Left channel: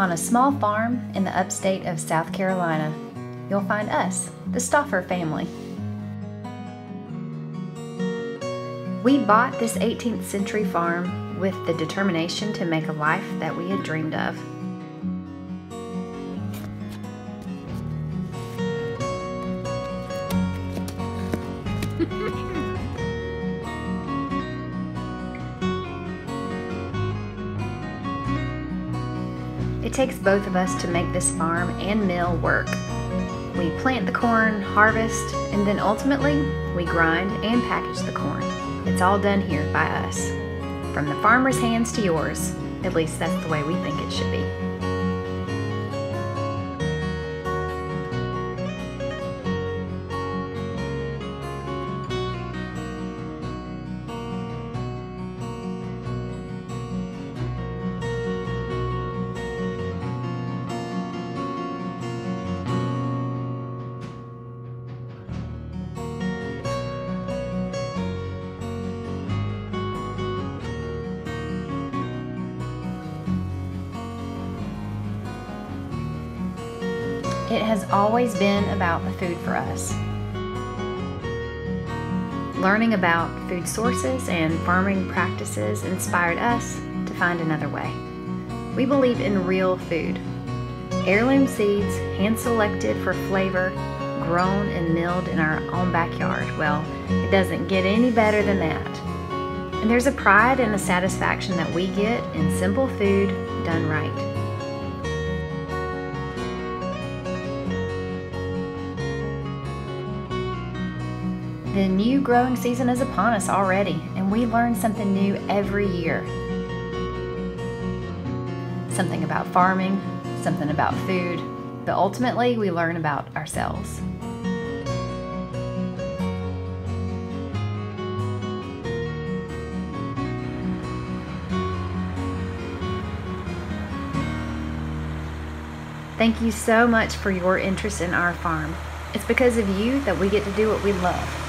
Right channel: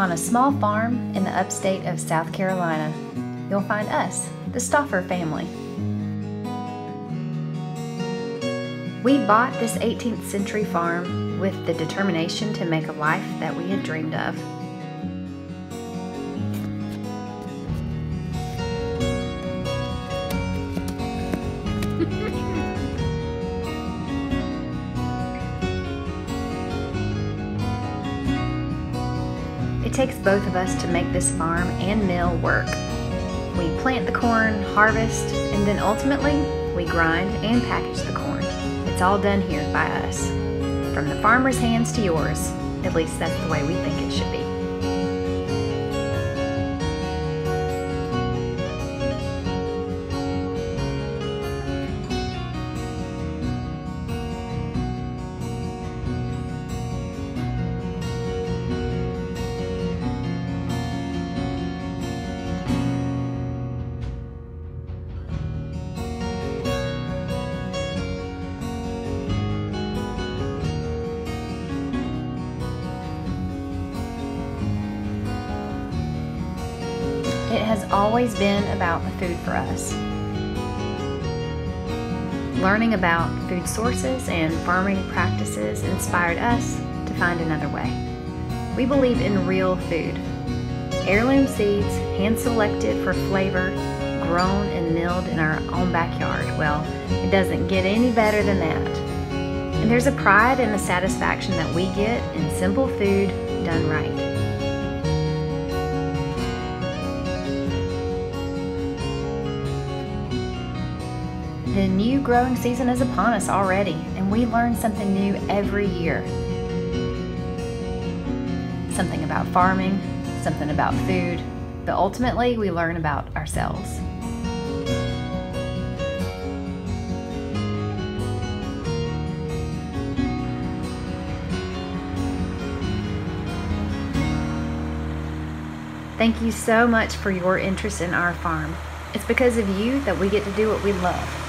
On a small farm in the upstate of South Carolina, you'll find us, the Stauffer family. We bought this 18th century farm with the determination to make a life that we had dreamed of. It takes both of us to make this farm and mill work. We plant the corn, harvest, and then ultimately we grind and package the corn. It's all done here by us. From the farmer's hands to yours, at least that's the way we think it should be. It has always been about the food for us. Learning about food sources and farming practices inspired us to find another way. We believe in real food. Heirloom seeds, hand-selected for flavor, grown and milled in our own backyard. Well, it doesn't get any better than that. And there's a pride and a satisfaction that we get in simple food done right. The new growing season is upon us already, and we learn something new every year. Something about farming, something about food, but ultimately we learn about ourselves. Thank you so much for your interest in our farm. It's because of you that we get to do what we love.